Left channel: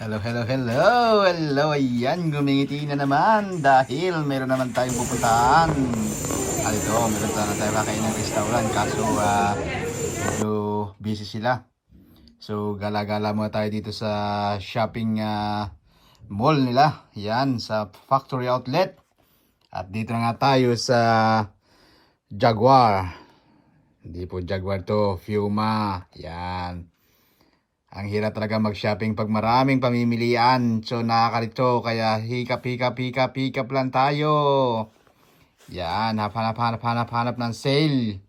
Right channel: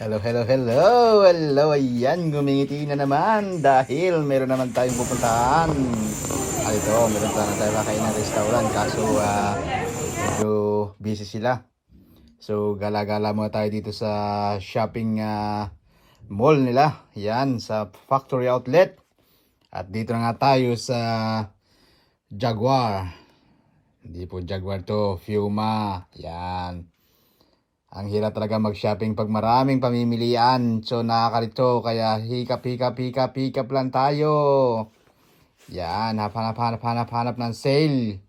Hello, hello, hello, hello, ayan, gumingiti na naman dahil meron naman tayong pupuntahan. Ito, meron tayo kakain ng restaurant kaso medyo busy sila. So, gala-gala muna tayo dito sa shopping mall nila. Yan, sa factory outlet. At dito na nga tayo sa Jaguar. Hindi po Jaguar to, Fiuma. Yan. Ang hirap talaga mag-shopping pag maraming pamimilian. So nakakalito kaya hikap lang tayo. Yan, hanap ng sale.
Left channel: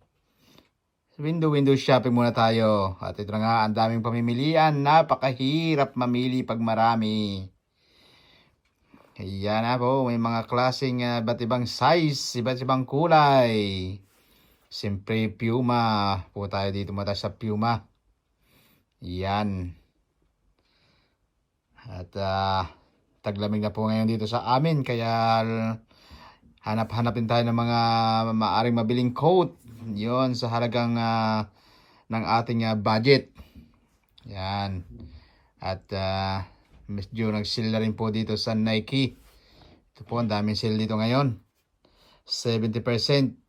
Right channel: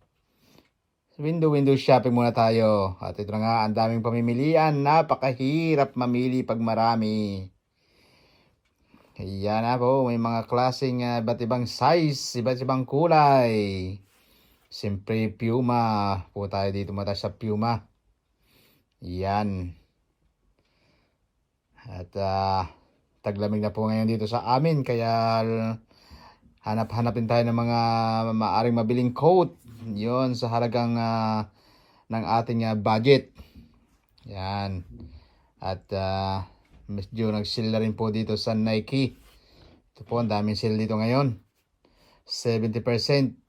Window shopping muna tayo. At ito na nga, ang daming pamimilian. Napakahirap mamili pag marami. Ayan na po, may mga klaseng iba't ibang size, iba't ibang kulay. Siyempre, Puma. Po tayo dito mata sa Puma. Yan. At taglamig na po ngayon dito sa amin kaya hanap-hanapin tayo ng mga maaring mabiling coat. Yon sa halagang ng ating budget. Yan. At medyo nag-sale na rin po dito sa Nike. Ito po, ang daming sale dito ngayon. 70%.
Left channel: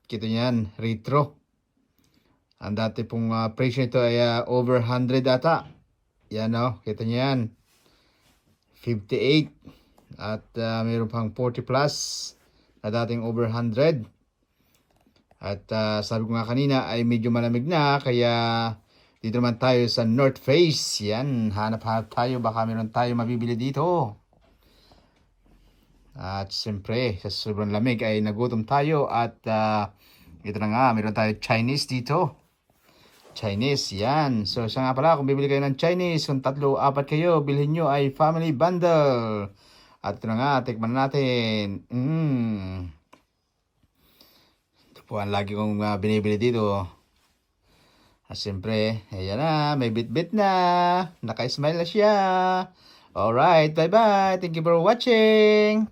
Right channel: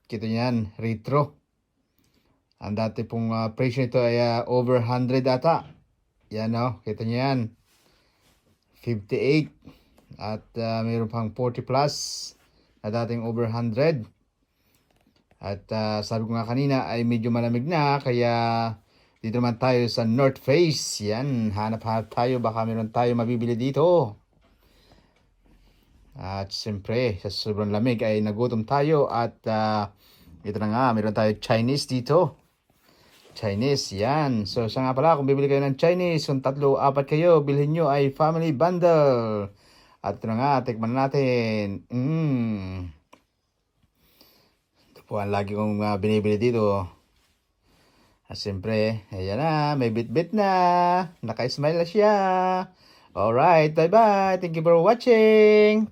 Kito niyan, retro. Ang dati pong presyo nito ay over 100 ata. Yan o, kita niyo yan. 58. At mayroon pang 40 plus na dating over 100. At sabi ko nga kanina ay medyo malamig na. Kaya dito naman tayo sa North Face. Yan, hanap-hanap tayo. Baka meron tayo mabibili dito. At siyempre, sa sobrang lamig ay nagutom tayo. At ito na nga, meron tayo Chinese dito. Chinese, yan. So, siya nga pala, kung bibili kayo ng Chinese, kung 3-4 kayo, bilhin nyo ay family bundle. At ito na nga, tikman natin. Ito po ang lagi kong binibili dito. At siyempre, ayan na, may bit-bit na. Naka-smile na siya. Alright, bye-bye. Thank you for watching.